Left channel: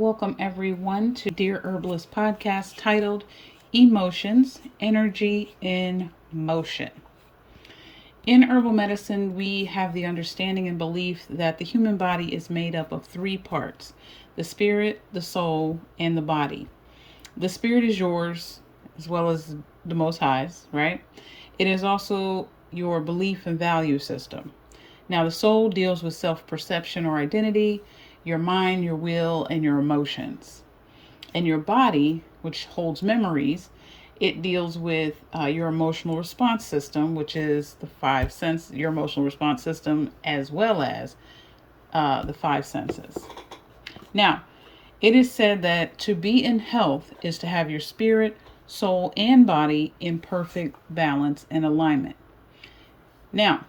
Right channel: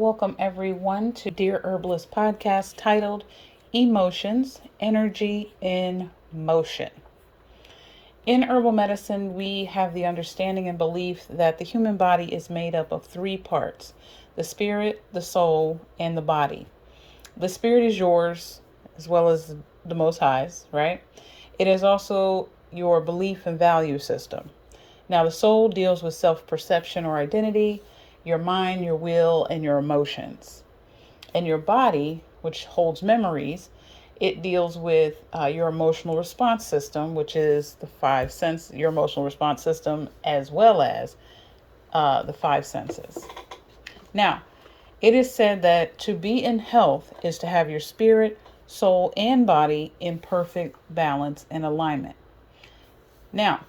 Welcome everyone to Dear Herbalist podcast titled Emotions, Energy in Motion. In herbal medicine, we have the understanding and belief that the human body is made up of three parts: the spirit, the soul, and the body. The spirit is yours as well as the Most High's, right? It is also your belief and value system. Now, the soul deals with self-perception or identity, your mind, your will, and your emotions. And your body, which holds memories, it deals with your emotional response system, which is the your emotional response system, as well as the five senses. Now, it is said that to be in health is to have your spirit, soul, and body in perfect balance and alignment. Now,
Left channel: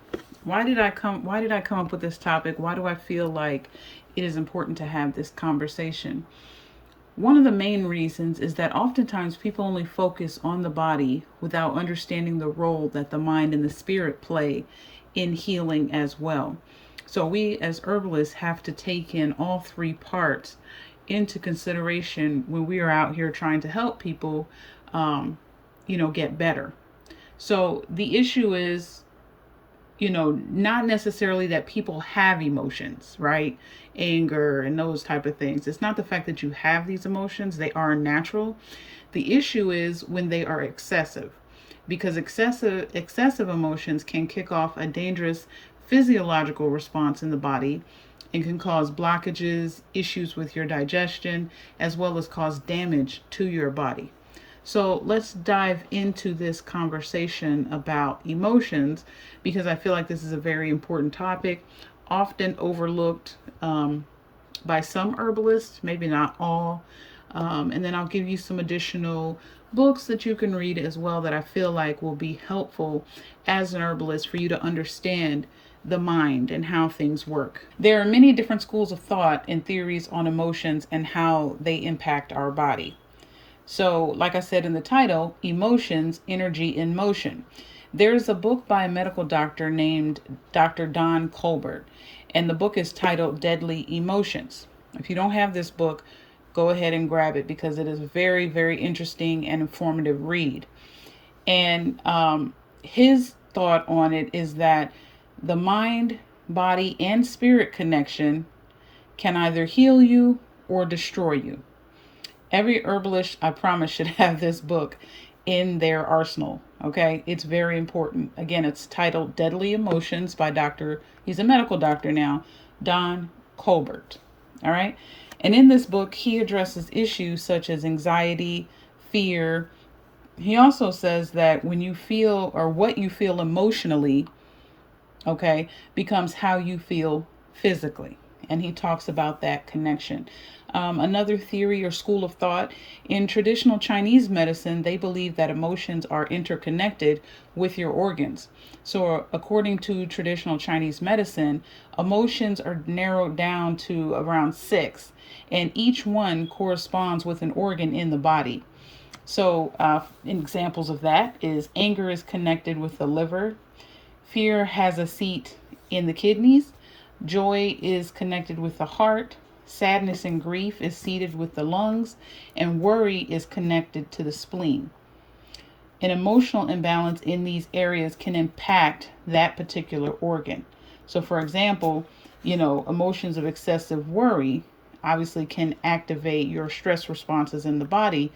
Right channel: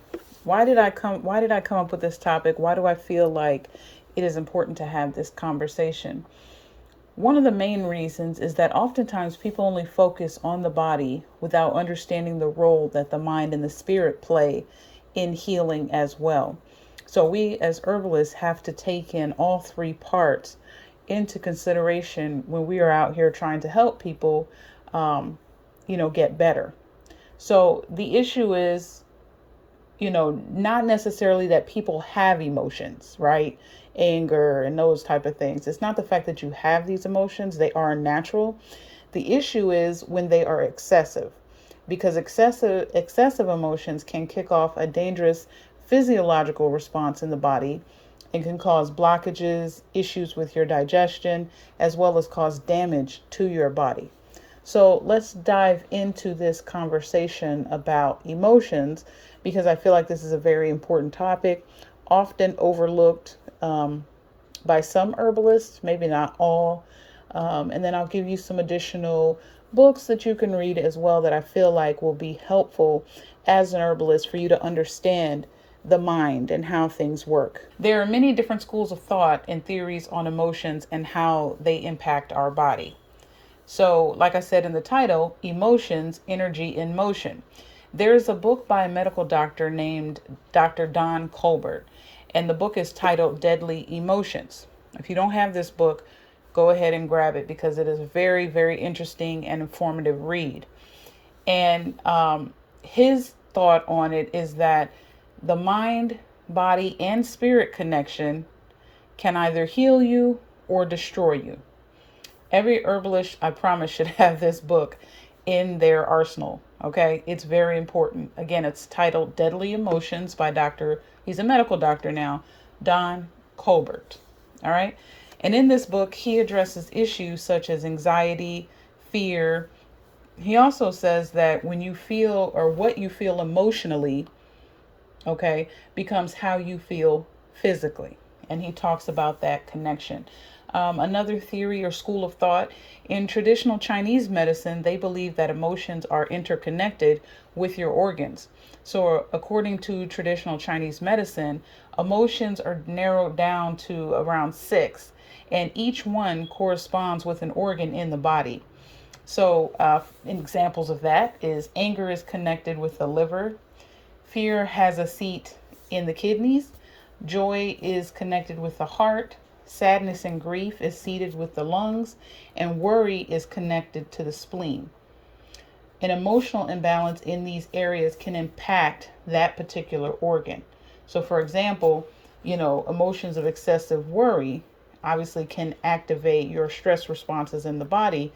why did I come up with this topic? Why do I feel like it is important to have this conversation? One of the main reasons is that oftentimes people only focus on the body without understanding the role that the mind and the spirit play in healing as well. So we as herbalists have to take in all three parts into consideration when we are out here trying to help people, get better. So the issue is, not necessarily that people have emotions, right? Anger and those type of things. It's not the fact that you have these emotions. They are natural. The issue is when they are excessive, because excessive emotions can kick off a dangerous physiological response in the body and can cause blockages, issues with your digestion, as well as cause damage to your body. So let's dive into this conversation about emotions, because I feel like this is a very important topic, often overlooked by some herbalists, maybe not all. And then I'll give you some additional books that you can read as well that I feel like will be helpful as an herbalist for you to understand the mind and how things work. There are many different schools of thought and theories on emotions and how they impact our body. So, like I said in the title, Emotions, Energy in Motion. There's a book by a medical doctor named Dr. Don Colbert, and the book is titled Deadly Emotions. If you don't have this book, go ahead and grab it because it is a very, very interesting and informative read. And his thought on it is that the mind, body, and spirit connection can either heal you or destroy you. Every herbalist, I promise, should have this book in their arsenal. Okay, it's very important. Again, it's titled Deadly Emotions by he's a medical doctor now, Don Colbert. All right. And in this book, he addresses issues such as anxiety, fear. He also says that when you feel, or what you feel emotionally, okay, becomes how you feel physically. And he talks about that connection. Another theory or school of thought in traditional Chinese medicine, they believe that emotions are interconnected with your organs. So according to traditional Chinese medicine, emotions are narrowed down to around 6, and each one corresponds with an organ in the body. So examples of that is anger is connected with the liver, fear has a seat in the kidneys, joy is connected with the heart, sadness and grief is seated with the lungs, and worry is connected to the spleen. An emotional imbalance in these areas can impact that particular organ. So for example, emotions of excessive worry obviously can activate your stress responses in the body.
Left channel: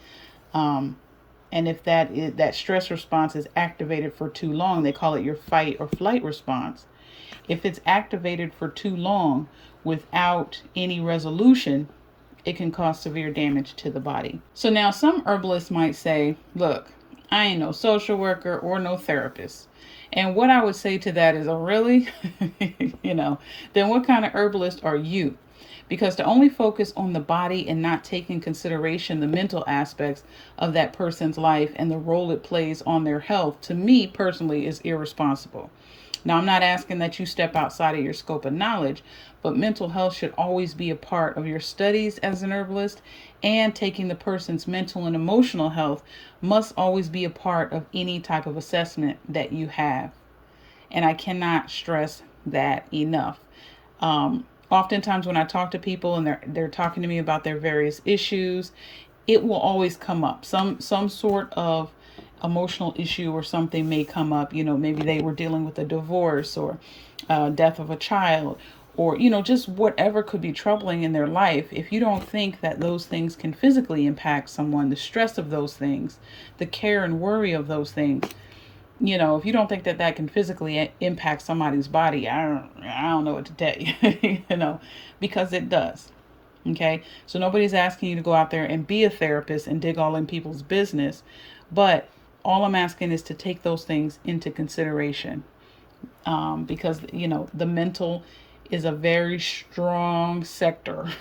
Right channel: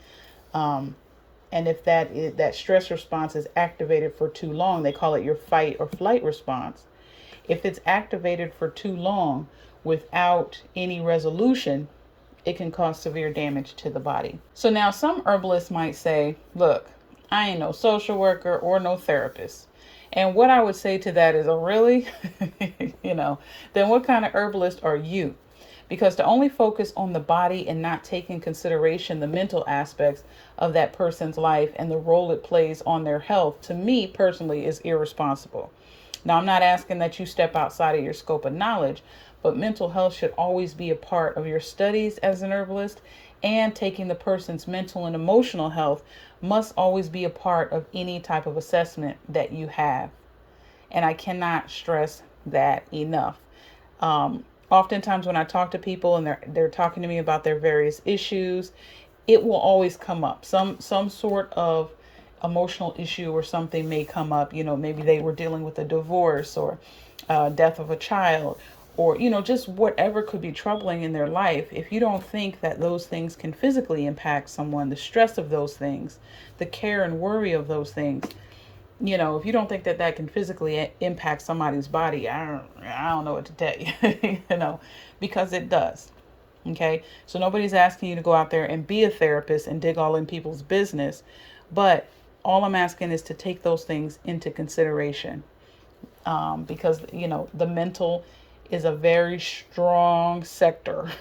And if that stress response is activated for too long, they call it your fight or flight response. If it's activated for too long without any resolution, it can cause severe damage to the body. So now some herbalists might say, look, I ain't no social worker or no therapist. And what I would say to that is, oh, really? Then what kind of herbalist are you? Because to only focus on the body and not take in consideration the mental aspects of that person's life and the role it plays on their health, to me personally, is irresponsible. Now, I'm not asking that you step outside of your scope of knowledge, but mental health should always be a part of your studies as an herbalist, and taking the person's mental and emotional health must always be a part of any type of assessment that you have. And I cannot stress that enough. Oftentimes when I talk to people and they're talking to me about their various issues, it will always come up. Some sort of emotional issue or something may come up. Maybe they were dealing with a divorce or death of a child, or just whatever could be troubling in their life. If you don't think that those things can physically impact someone, the stress of those things, the care and worry of those things, if you don't think that that can physically impact somebody's body, I don't know what to tell you, because it does. Okay. So nobody's asking you to go out there and be a therapist and dig all in people's business. But all I'm asking is to take those things into consideration. Because, the mental is a very strong sector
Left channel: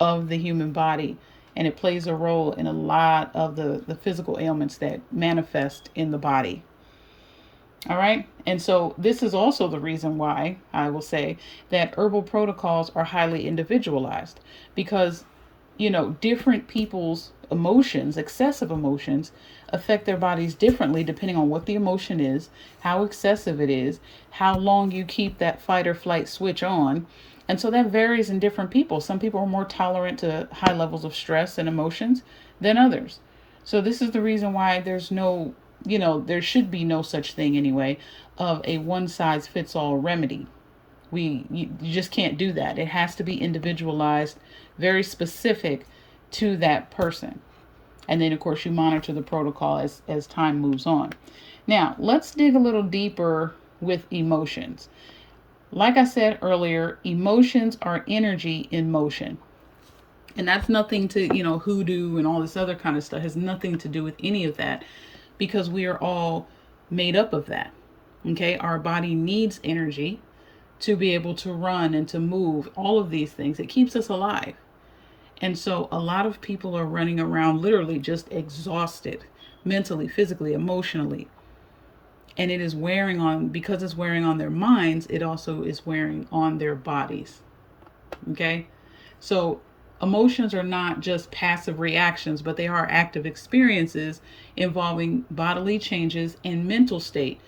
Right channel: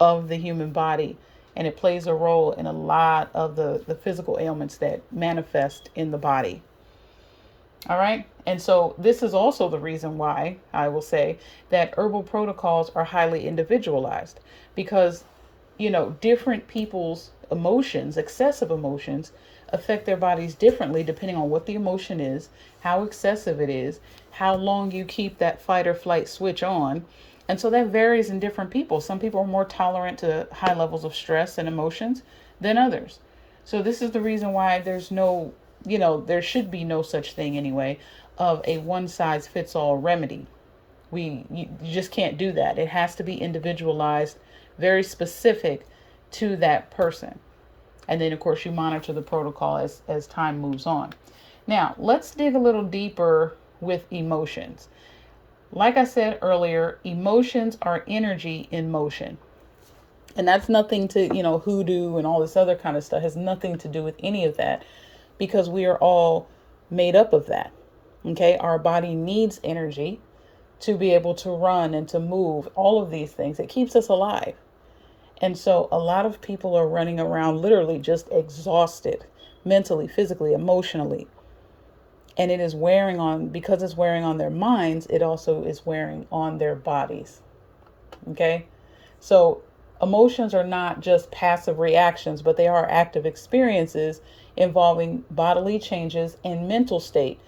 of the human body, and it plays a role in a lot of the physical ailments that manifest in the body. All right. And so this is also the reason why I will say that herbal protocols are highly individualized, because, different people's emotions, excessive emotions, affect their bodies differently depending on what the emotion is, how excessive it is, how long you keep that fight or flight switch on. And so that varies in different people. Some people are more tolerant to high levels of stress and emotions than others. So this is the reason why there's no, there should be no such thing anyway of a one size fits all remedy. You just can't do that. It has to be individualized, very specific to that person. And then, of course, you monitor the protocol as time moves on. Now, let's dig a little deeper with emotions. Like I said earlier, emotions are energy in motion. And that's nothing to, hoodoo and all this other kind of stuff. It has nothing to do with any of that, because we are all made up of that. Okay, our body needs energy to be able to run and to move, all of these things. It keeps us alive. And so a lot of people are running around literally just exhausted, mentally, physically, emotionally. And it is wearing on, because it's wearing on their minds, it also is wearing on their bodies. Okay, so emotions are not just passive reactions, but they are active experiences involving bodily changes and mental state.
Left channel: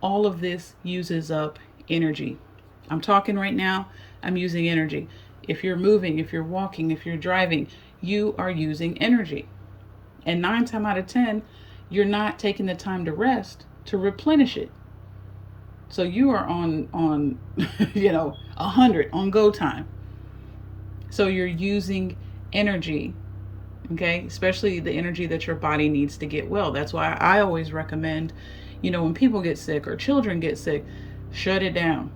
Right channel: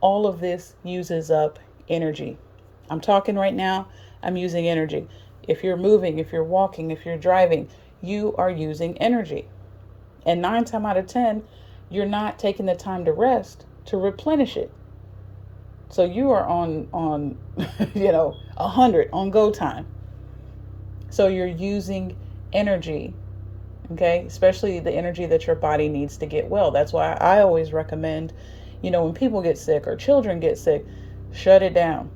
All of this uses up energy. I'm talking right now, I'm using energy. If you're moving, if you're walking, if you're driving, you are using energy. And 9 times out of 10, you're not taking the time to rest to replenish it. So you are on 100 on go time. So you're using energy, okay? Especially the energy that your body needs to get well. That's why I always recommend, when people get sick or children get sick, shut it down.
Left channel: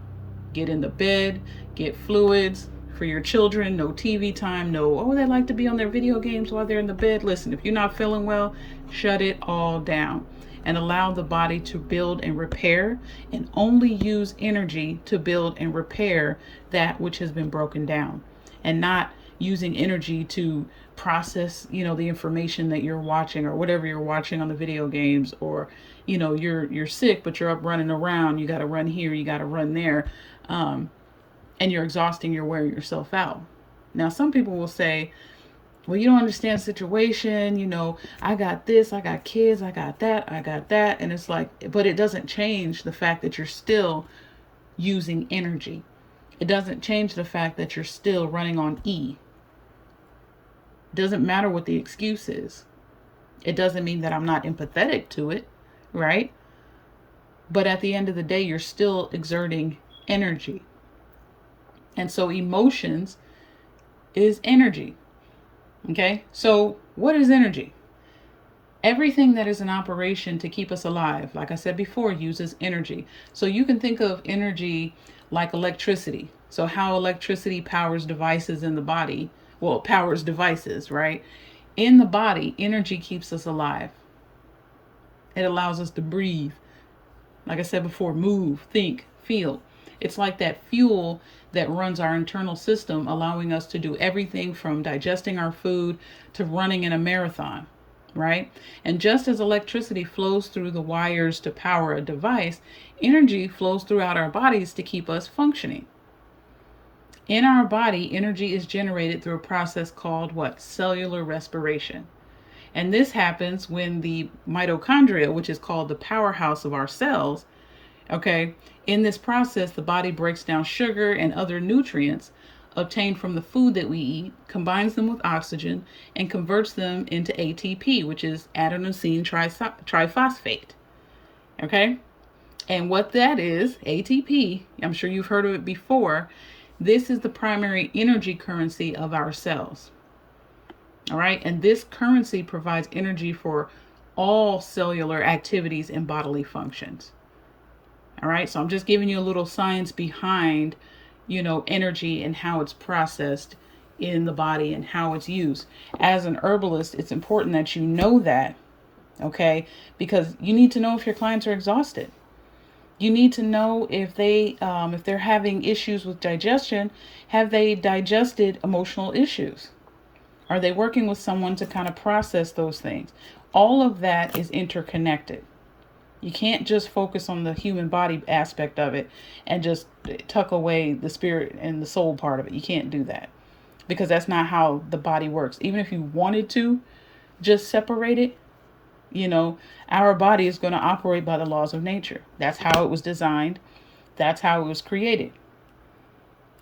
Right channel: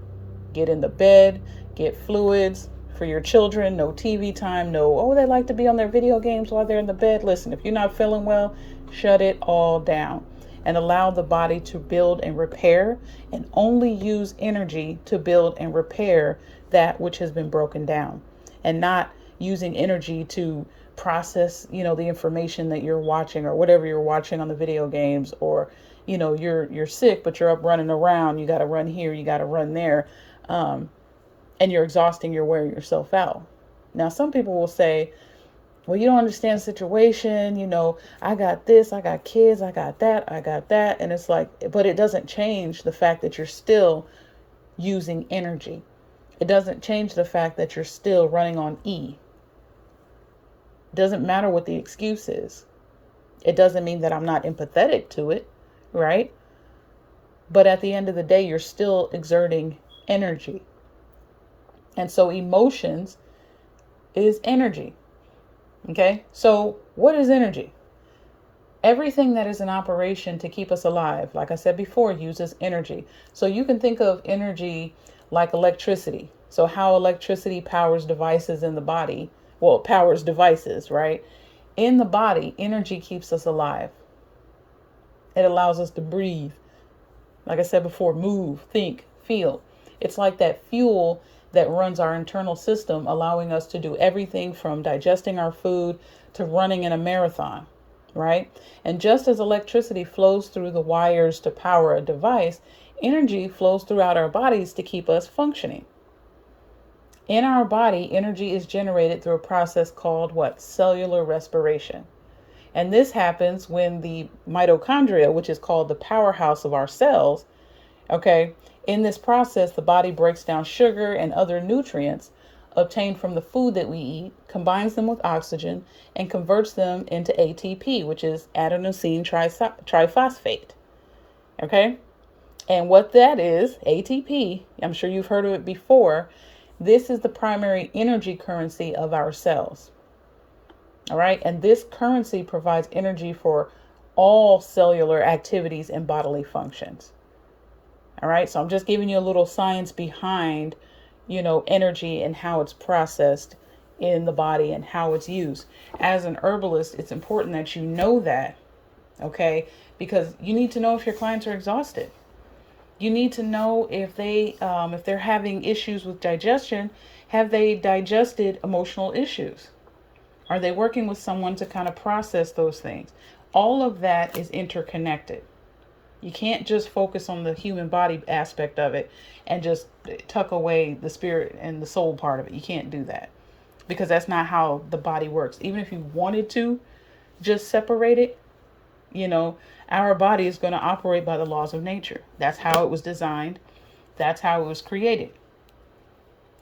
Get in the bed, get fluids for your children, no TV time, they like to be on their video games while they're in the bed. Listen, if you're not feeling well, shut it all down and allow the body to build and repair, and only use energy to build and repair that which has been broken down, and not using energy to process, the information that you're watching or whatever you're watching on the video games, or, you're sick, but you're up running around. You got to run here, you got to run there. And you're exhausting, you're wearing yourself out. Now, some people will say, well, you don't understand the situation. I got this, I got kids, I got that. And it's like, but it doesn't change the fact that you're still using energy. It doesn't change the fact that you're still running on E. It doesn't matter what the excuse is. It doesn't mean that I'm not empathetic to it, right? But at the end of the day, you're still exerting energy. And so emotions is energy. Okay, so what is energy? Everything that is in operation to keep us alive, like I said before, uses energy. So you can think of energy like electricity. So how electricity powers devices in the body. Well, it powers devices, right? In the body, energy keeps us alive. It allows us to breathe. Like I said before, move, think, feel. It's like that fuel that runs our internal system, allowing us to do everything from digesting our food to running in a marathon, right? And just as electricity flows through the wires to power a device, energy flows throughout our bodies to keep us functioning. In our body, energy is generated through a process called what? Cellular respiration. And this happens when the mitochondria, which is called the powerhouse of our cells, okay, in this process, the body breaks down sugar and other nutrients obtained from the food that we eat, combines them with oxygen, and converts them into ATP, which is adenosine triphosphate. Okay? And what that is, ATP, I'm sure you've heard of it before. This is the primary energy currency of our cells. All right? And this currency provides energy for all cellular activities and bodily functions. All right? So I'm just giving you a little science behind, energy and how it's processed in the body and how it's used. As an herbalist, it's important that you know that, okay? Because you need to know if your clients are exhausted. You need to know if they're having issues with digestion. Have they digested emotional issues? Are they working with someone to kind of process those things? All of that is interconnected. You can't just focus on the human body aspect of it and just tuck away the spirit and the soul part of it. You can't do that because that's not how the body works. Even if you wanted to just separate it, our body is going to operate by the laws of nature. That's how it was designed. That's how it was created.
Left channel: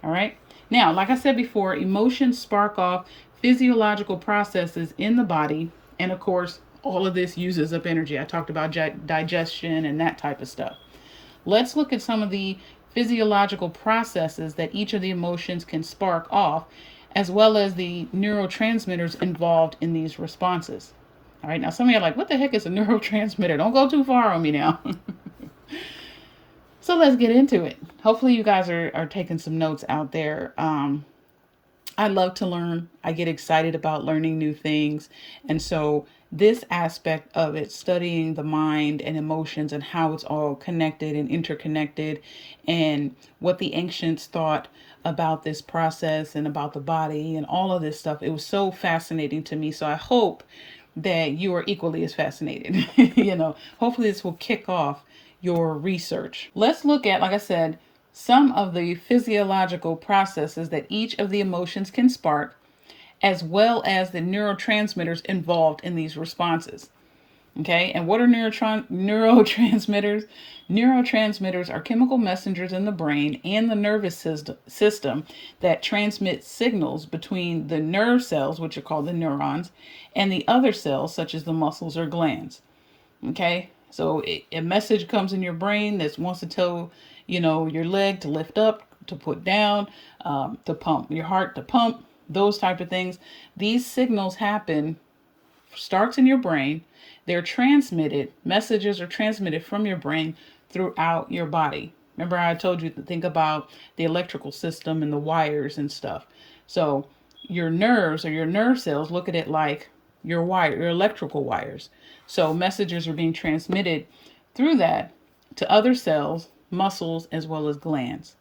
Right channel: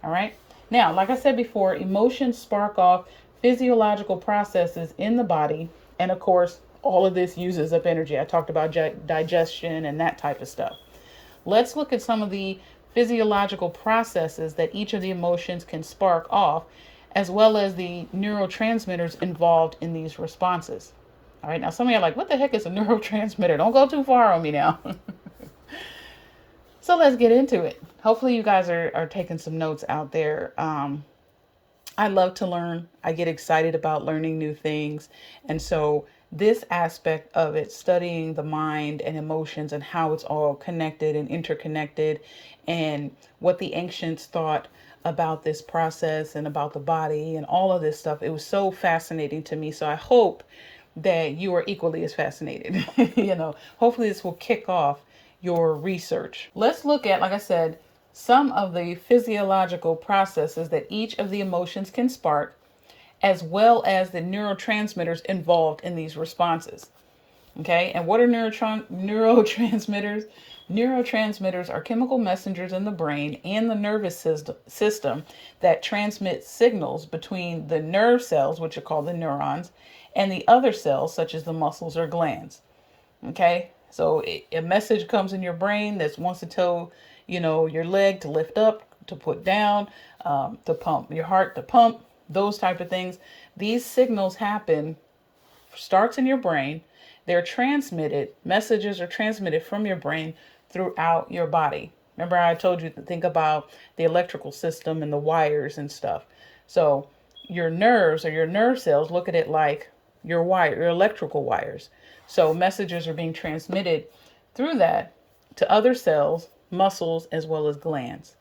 All right. Now, like I said before, emotions spark off physiological processes in the body. And of course, all of this uses up energy. I talked about digestion and that type of stuff. Let's look at some of the physiological processes that each of the emotions can spark off, as well as the neurotransmitters involved in these responses. All right, now some of you are like, what the heck is a neurotransmitter? Don't go too far on me now. So let's get into it. Hopefully you guys are taking some notes out there. I love to learn. I get excited about learning new things. And so this aspect of it, studying the mind and emotions and how it's all connected and interconnected, and what the ancients thought about this process and about the body and all of this stuff, it was so fascinating to me. So I hope that you are equally as fascinated. Hopefully this will kick off your research. Let's look at, like I said, some of the physiological processes that each of the emotions can spark, as well as the neurotransmitters involved in these responses. Okay, and what are neurotransmitters? Neurotransmitters are chemical messengers in the brain and the nervous system that transmit signals between the nerve cells, which are called the neurons, and the other cells, such as the muscles or glands. Okay, so a message comes in your brain that wants to tell, your leg to lift up, to put down, to pump, your heart to pump, those type of things. These signals starts in your brain. They're transmitted, messages are transmitted from your brain throughout your body. Remember I told you to think about the electrical system and the wires and stuff. So your nerves or your nerve cells, look at it like your electrical wires. So messages are being transmitted through that to other cells, muscles, as well as glands.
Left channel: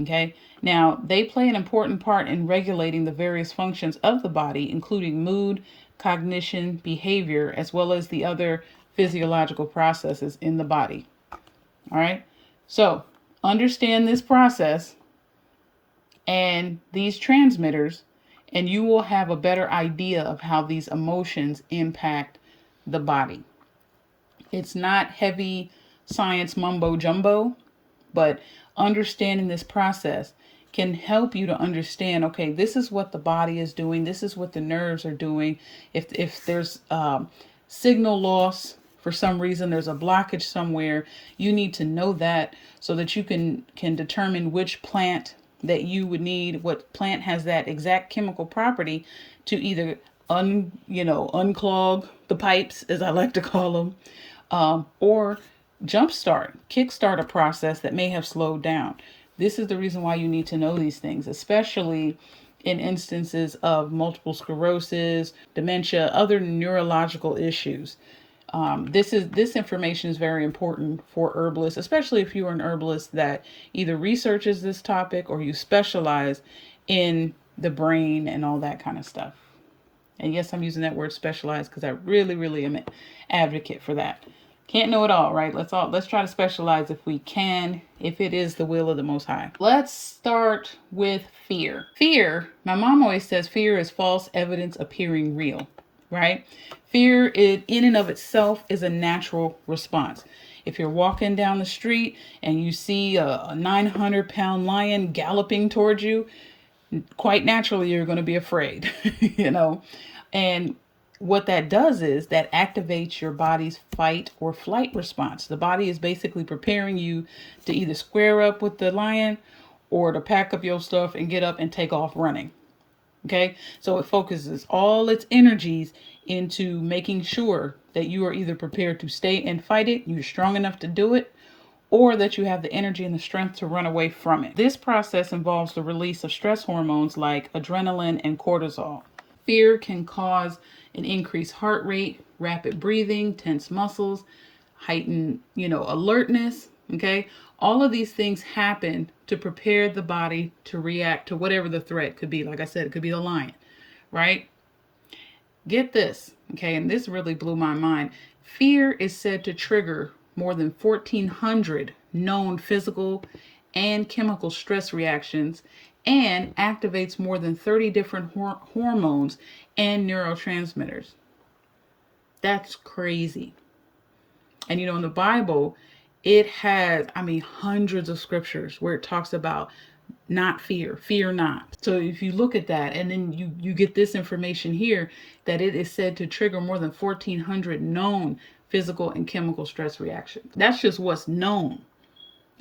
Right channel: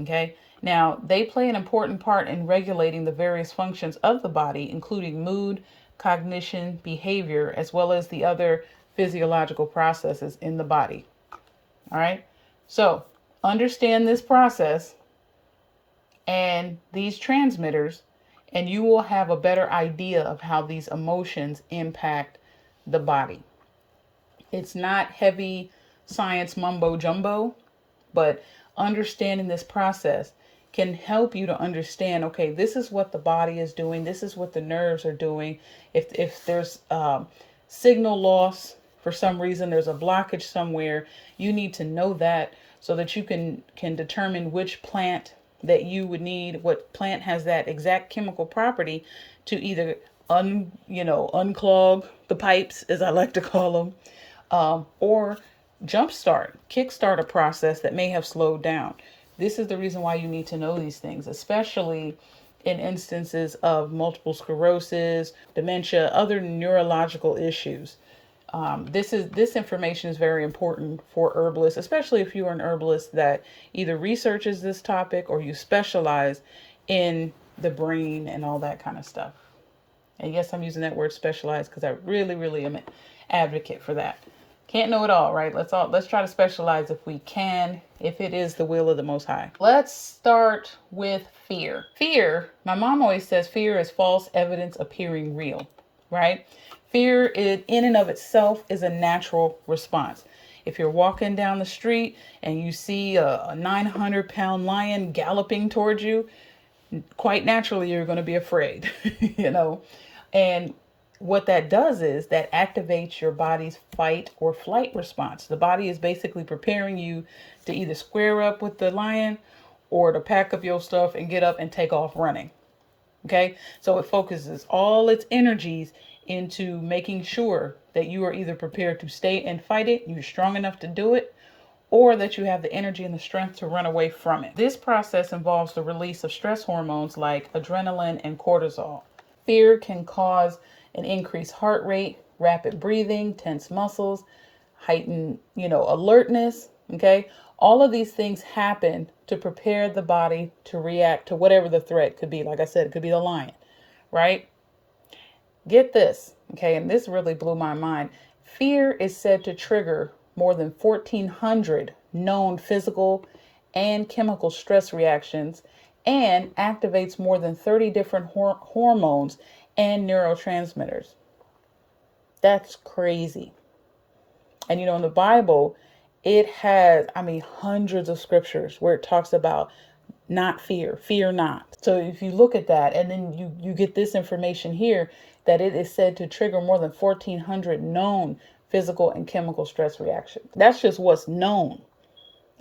Okay. Now, they play an important part in regulating the various functions of the body, including mood, cognition, behavior, as well as the other physiological processes in the body. All right. So understand this process and these transmitters, and you will have a better idea of how these emotions impact the body. It's not heavy science mumbo jumbo, but understanding this process can help you to understand, okay, this is what the body is doing. This is what the nerves are doing. If there's signal loss for some reason, there's a blockage somewhere, you need to know that so that you can determine which plant that you would need, what plant has that exact chemical property to either unclog the pipes, as I like to call them, or kickstart a process that may have slowed down. This is the reason why you need to know these things, especially in instances of multiple sclerosis, dementia, other neurological issues. This information is very important for herbalists, especially if you are an herbalist that either researches this topic or you specialize in the brain and all that kind of stuff. And yes, I'm using that word specialize because I really, really am an advocate for that. Can't know it all, right? Let's try to specialize if we can, if it is the will of the Most High. Let's start with fear. Fear, my mom always says fear is false evidence appearing real, right? Fear in and of itself is a natural response. If you're walking down the street and you see a 900-pound lion galloping towards you, quite naturally you're going to be afraid, you know. And what that does is that activates your body's fight or flight response. The body is basically preparing you to either square up with the lion or to pack up your stuff and get up and take off running. Okay, so it focuses all its energies into making sure that you are either prepared to stay and fight it, you're strong enough to do it, or that you have the energy and the strength to run away from it. This process involves the release of stress hormones like adrenaline and cortisol. Fear can cause an increased heart rate, rapid breathing, tense muscles, heightened, alertness. Okay. All of these things happen to prepare the body to react to whatever the threat could be. Like I said, it could be the lion, right? Get this. Okay. And this really blew my mind. Fear is said to trigger more than 1,400 known physical and chemical stress reactions and activates more than 30 different hormones and neurotransmitters. That's crazy. And in the Bible, it has, hundreds of scriptures where it talks about not fear not. So if you look at that and then you get this information here that it is said to trigger more than 1,400 known physical and chemical stress reactions. That's just what's known.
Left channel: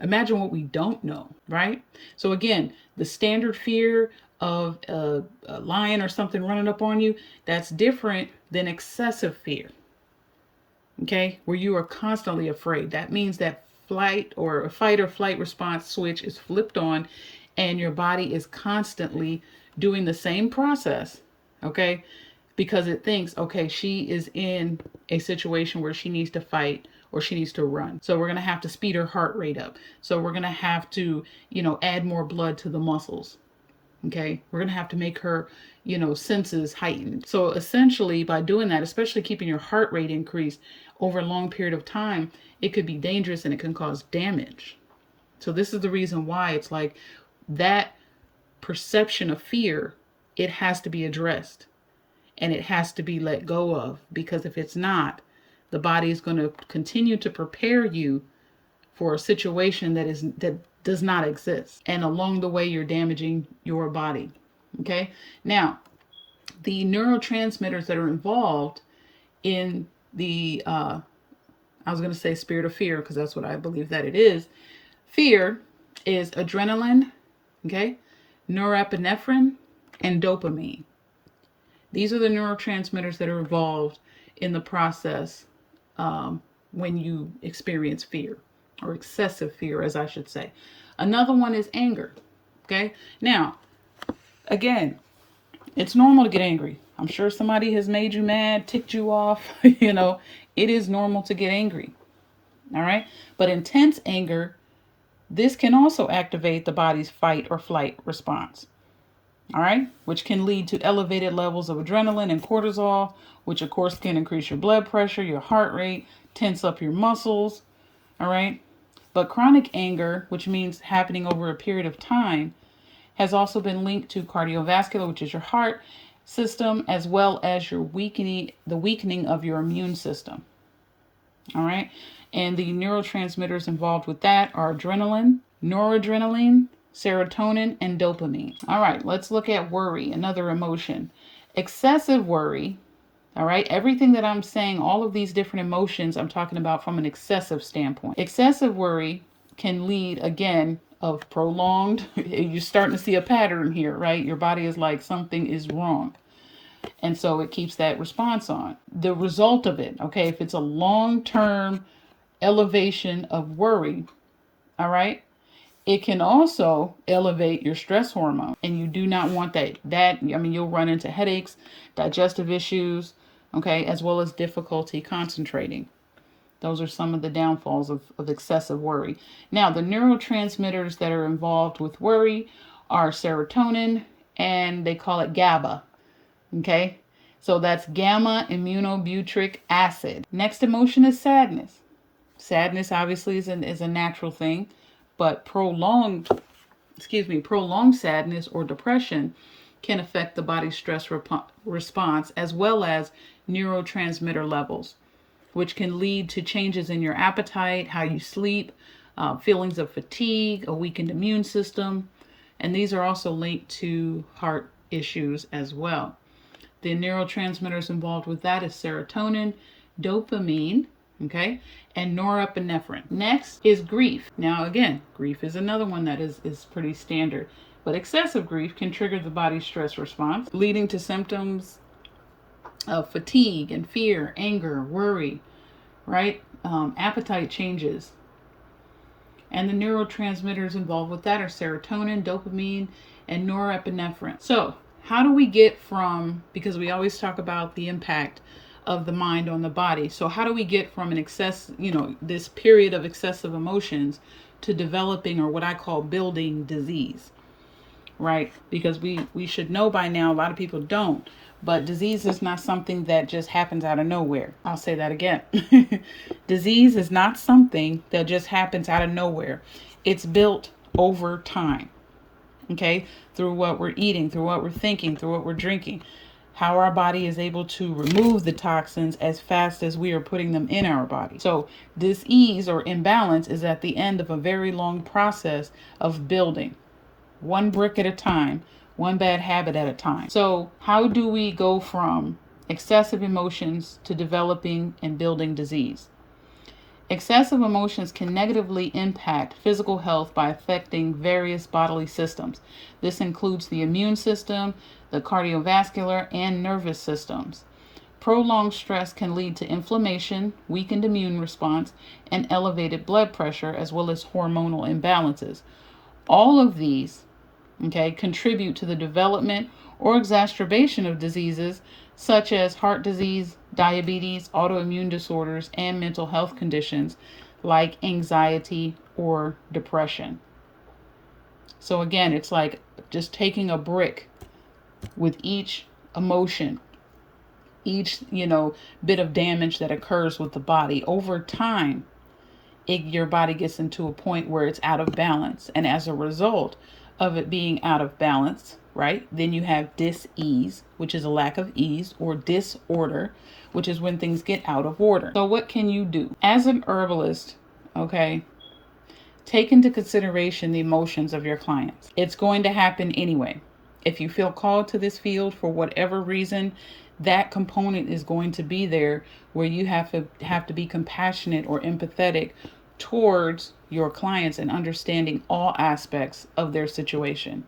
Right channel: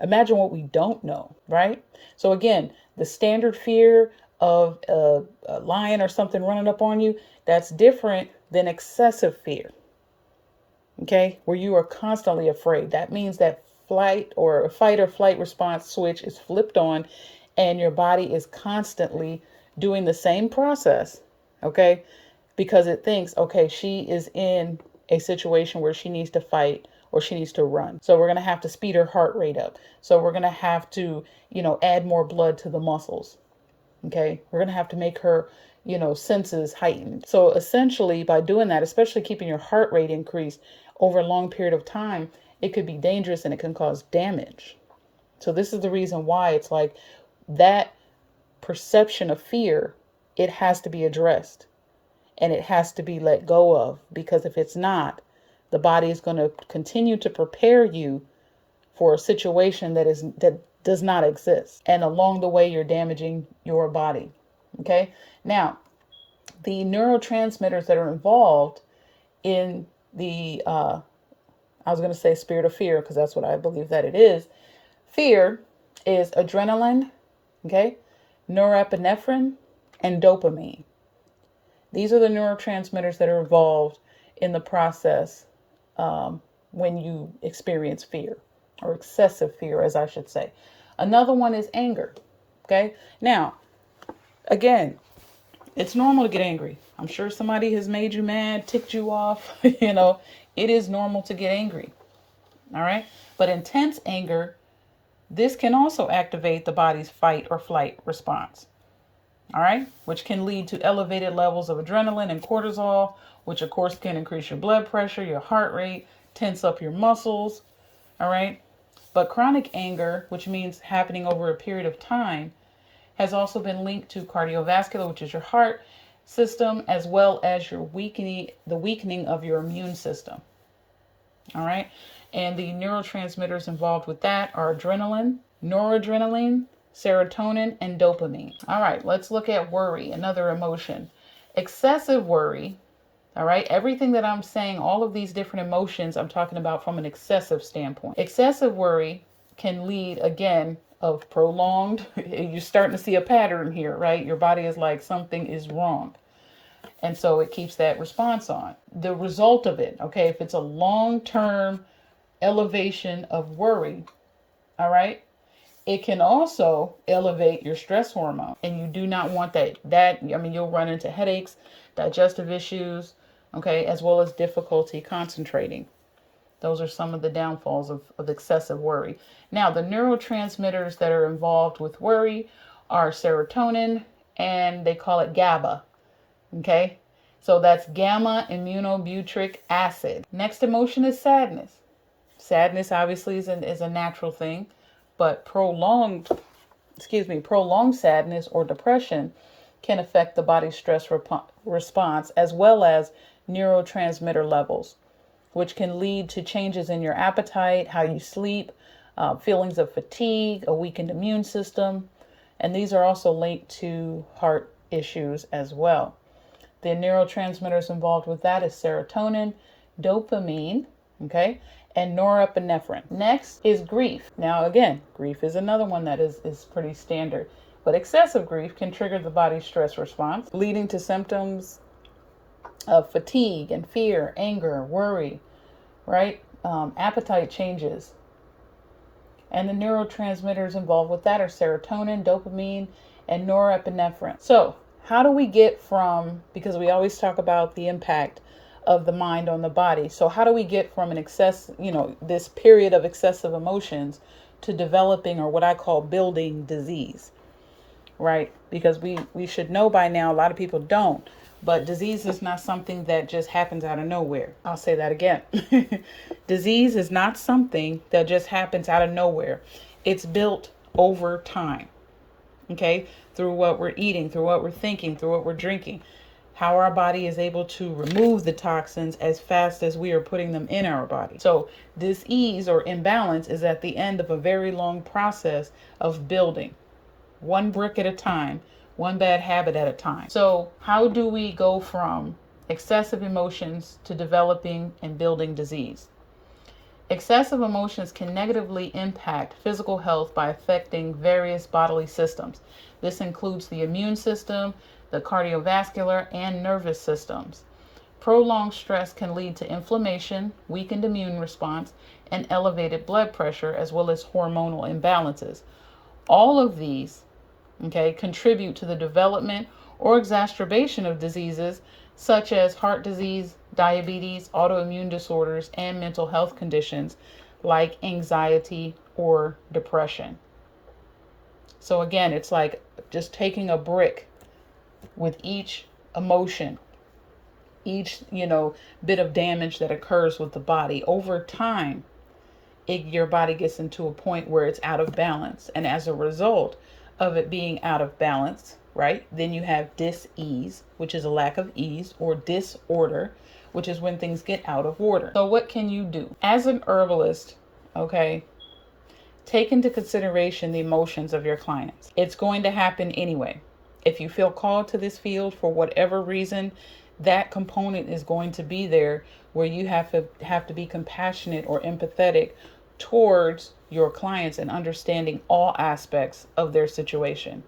Imagine what we don't know, right? So again, the standard fear of a lion or something running up on you, that's different than excessive fear. Okay, where you are constantly afraid. That means that fight or flight response switch is flipped on and your body is constantly doing the same process, okay? Because it thinks, okay, she is in a situation where she needs to fight or she needs to run. So we're going to have to speed her heart rate up. So we're going to have to, add more blood to the muscles. Okay, we're going to have to make her, senses heightened. So essentially by doing that, especially keeping your heart rate increased over a long period of time, it could be dangerous and it can cause damage. So this is the reason why it's like that perception of fear, it has to be addressed and it has to be let go of, because if it's not, the body is going to continue to prepare you for a situation that does not exist. And along the way, you're damaging your body. Okay. Now, the neurotransmitters that are involved in the, I was going to say spirit of fear, because that's what I believe that it is. Fear is adrenaline, okay, norepinephrine, and dopamine. These are the neurotransmitters that are involved in the process when you experience fear, or excessive fear, as I should say. Another one is anger. Okay. Now, again, it's normal to get angry. I'm sure somebody has made you mad, ticked you off. It is normal to get angry. All right. But intense anger, this can also activate the body's fight or flight response. All right. Which can lead to elevated levels of adrenaline and cortisol, which of course can increase your blood pressure, your heart rate, tense up your muscles. All right. But chronic anger, which means happening over a period of time, has also been linked to cardiovascular, which is your heart system, as well as the weakening of your immune system. All right. And the neurotransmitters involved with that are adrenaline, noradrenaline, serotonin, and dopamine. All right, let's look at worry, another emotion. Excessive worry, all right, everything that I'm saying, all of these different emotions, I'm talking about from an excessive standpoint. Excessive worry can lead, again, of prolonged, you're starting to see a pattern here, right? Your body is like, something is wrong. And so it keeps that response on. The result of it, okay, if it's a long-term elevation of worry, all right, it can also elevate your stress hormone, and you do not want that. You'll run into headaches, digestive issues, okay, as well as difficulty concentrating. Those are some of the downfalls of excessive worry. Now, the neurotransmitters that are involved with worry are serotonin, and they call it GABA, okay? So that's gamma aminobutyric acid. Next emotion is sadness. Sadness obviously is a natural thing, but prolonged sadness or depression can affect the body's stress response, as well as neurotransmitter levels, which can lead to changes in your appetite, how you sleep, feelings of fatigue, a weakened immune system, And these are also linked to heart issues as well. The neurotransmitters involved with that is serotonin, dopamine, okay, and norepinephrine. Next is grief. Now, again, grief is another one that is pretty standard. But excessive grief can trigger the body's stress response, leading to symptoms of fatigue and fear, anger, worry, right? Appetite changes. And the neurotransmitters involved with that are serotonin, dopamine, and norepinephrine. So, how do we get from, because we always talk about the impact of the mind on the body. So how do we get from an excess, this period of excessive emotions to developing, or what I call building, disease, right? Because we should know by now, a lot of people don't, but disease is not something that just happens out of nowhere. I'll say that again. Disease is not something that just happens out of nowhere. It's built over time. Okay, through what we're eating, through what we're thinking, through what we're drinking, how our body is able to remove the toxins as fast as we are putting them in our body. So dis-ease or imbalance is at the end of a very long process of building, one brick at a time, one bad habit at a time. So how do we go from excessive emotions to developing and building disease? Excessive emotions can negatively impact physical health by affecting various bodily systems. This includes the immune system, the cardiovascular, and nervous systems. Prolonged stress can lead to inflammation, weakened immune response, and elevated blood pressure, as well as hormonal imbalances. All of these, contribute to the development or exacerbation of diseases such as heart disease, diabetes, autoimmune disorders, and mental health conditions like anxiety or depression. So again, it's like just taking a brick with each emotion, each, bit of damage that occurs with the body. Over time, your body gets into a point where it's out of balance. And as a result of it being out of balance, right, then you have dis-ease, which is a lack of ease, or disorder, which is when things get out of order. So what can you do? As an herbalist, take into consideration the emotions of your clients. It's going to happen anyway. If you feel called to this field for whatever reason, that component is going to be there, where you have to be compassionate or empathetic towards your clients and understanding all aspects of their situation.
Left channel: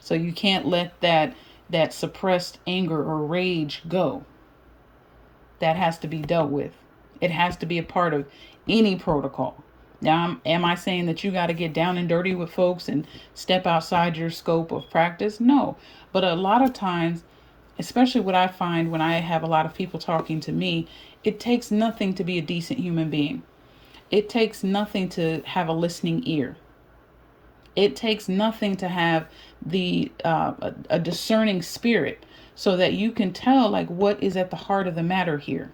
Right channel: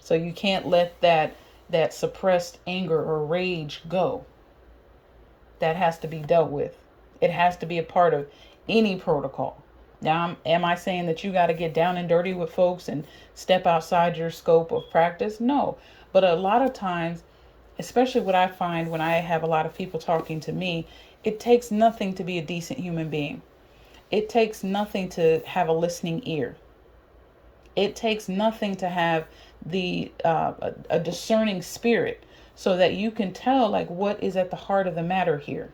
So you can't let that suppressed anger or rage go. That has to be dealt with. It has to be a part of any protocol. Now, am I saying that you got to get down and dirty with folks and step outside your scope of practice? No. But a lot of times, especially what I find when I have a lot of people talking to me, it takes nothing to be a decent human being. It takes nothing to have a listening ear. It takes nothing to have a discerning spirit, so that you can tell what is at the heart of the matter here.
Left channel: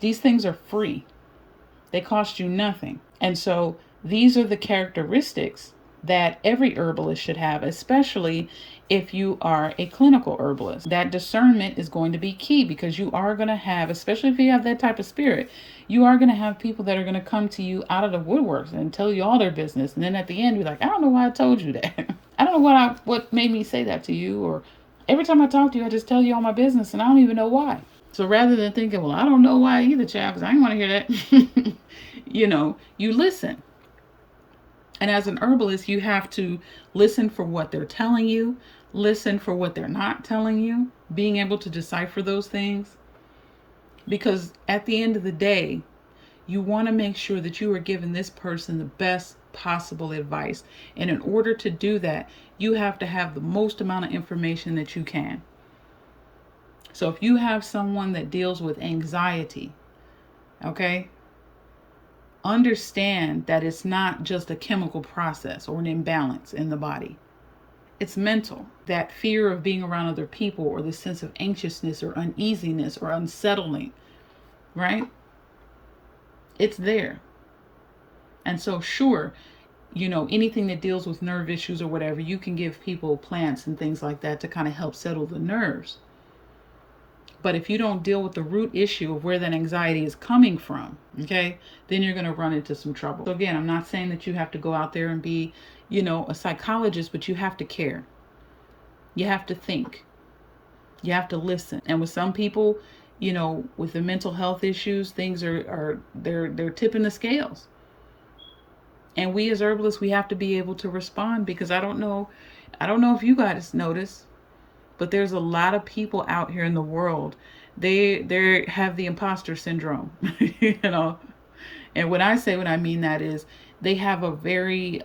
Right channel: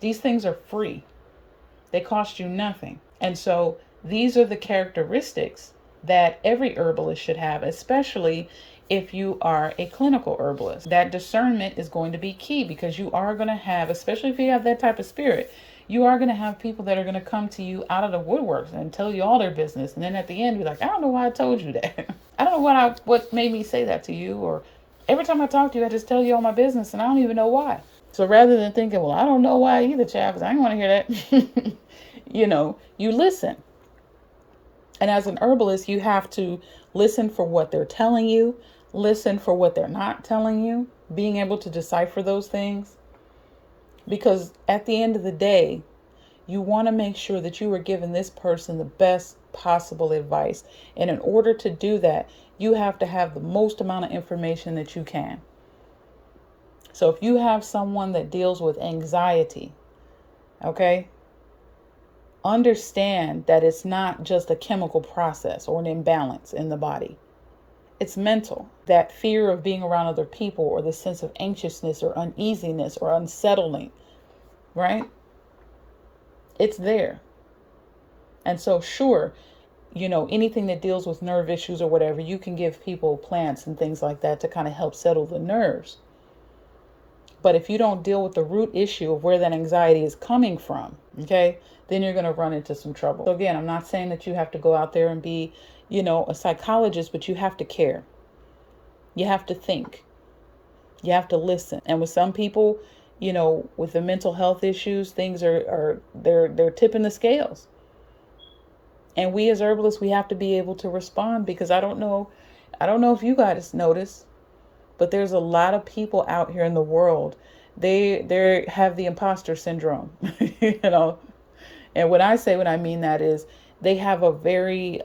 These things are free. They cost you nothing. And so these are the characteristics that every herbalist should have, especially if you are a clinical herbalist. That discernment is going to be key, because you are going to have, especially if you have that type of spirit, you are going to have people that are going to come to you out of the woodworks and tell you all their business. And then at the end, be like, I don't know why I told you that. I don't know what made me say that to you. Or every time I talk to you, I just tell you all my business and I don't even know why. So rather than thinking, well, I don't know why either, child, because I didn't want to hear that. You listen. And as an herbalist, you have to listen for what they're telling you, listen for what they're not telling you, being able to decipher those things. Because at the end of the day, you want to make sure that you are giving this person the best possible advice. And in order to do that, you have to have the most amount of information that you can. So if you have someone that deals with anxiety, understand that it's not just a chemical process or an imbalance in the body. It's mental. That fear of being around other people, or the sense of anxiousness or uneasiness or unsettling, right? It's there. And so sure, anything that deals with nerve issues or whatever, you can give people plants and things like that to kind of help settle the nerves. But if you don't deal with the root issue of where that anxiety is coming from, then you're going to run into some trouble. So again, I'm not saying that you have to go out there and be, a psychologist, but you have to care. You have to think. You have to listen. And with some people, with the mental health issues, things they're tipping the scales. And we as herbalists, we have to be able to respond, because I don't know if you guys notice, but there's a lot of people out here in the world. They have the imposter syndrome, And when I mean that is, they have a very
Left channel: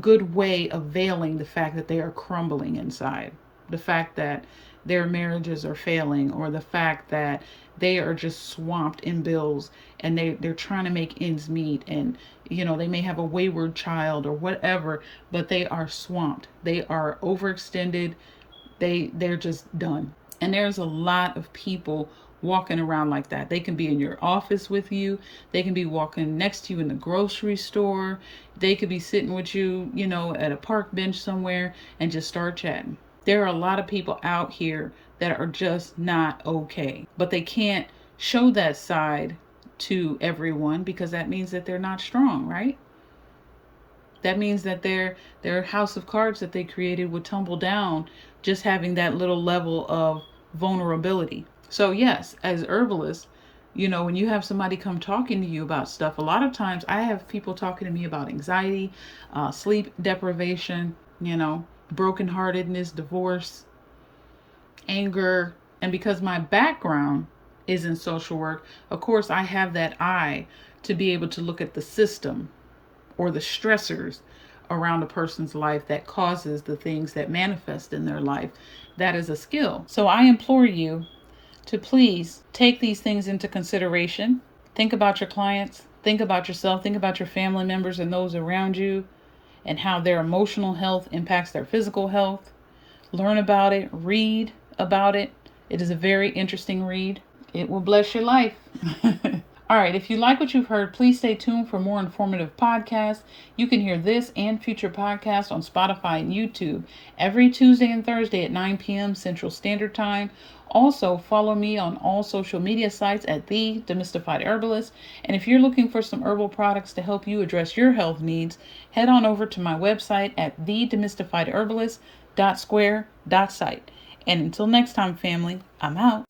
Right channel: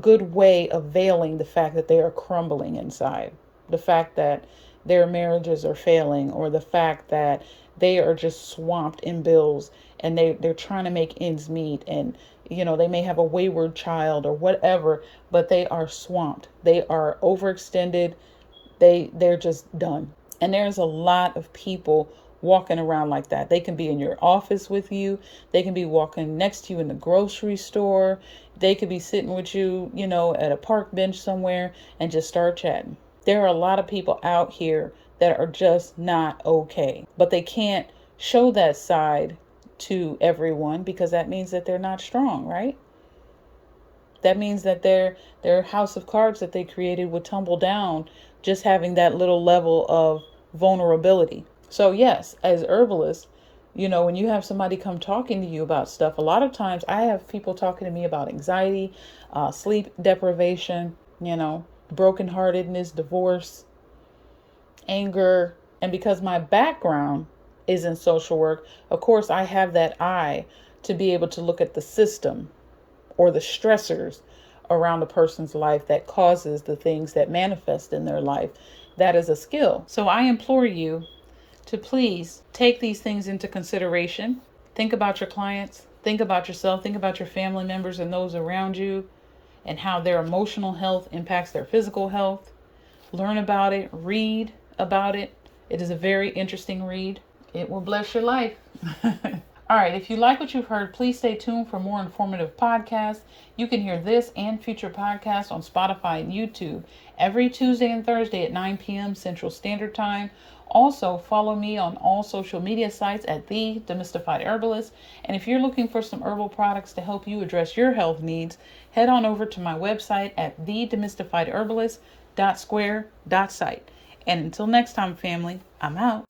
good way of veiling the fact that they are crumbling inside, the fact that their marriages are failing, or the fact that they are just swamped in bills, and they're trying to make ends meet, and they may have a wayward child or whatever, but they are swamped. They are overextended. They're just done. And there's a lot of people walking around like that. They can be in your office with you. They can be walking next to you in the grocery store. They could be sitting with you, at a park bench somewhere and just start chatting. There are a lot of people out here that are just not okay, but they can't show that side to everyone, because that means that they're not strong, right? That means that their house of cards that they created would tumble down, just having that little level of vulnerability. So yes, as herbalists, when you have somebody come talking to you about stuff, a lot of times I have people talking to me about anxiety, sleep deprivation, brokenheartedness, divorce, anger. And because my background is in social work, of course, I have that eye to be able to look at the system or the stressors around a person's life that causes the things that manifest in their life. That is a skill. So I implore you to please take these things into consideration. Think about your clients, think about yourself, think about your family members and those around you, and how their emotional health impacts their physical health. Learn about it, read about it. It is a very interesting read. It will bless your life. All right, if you like what you've heard, please stay tuned for more informative podcasts. You can hear this and future podcasts on Spotify and YouTube every Tuesday and Thursday at 9 p.m. Central Standard Time. Also, follow me on all social media sites at The Demystified Herbalist. And if you're looking for some herbal products to help you address your health needs, head on over to my website at thedemystifiedherbalist.square.site. And until next time, family, I'm out.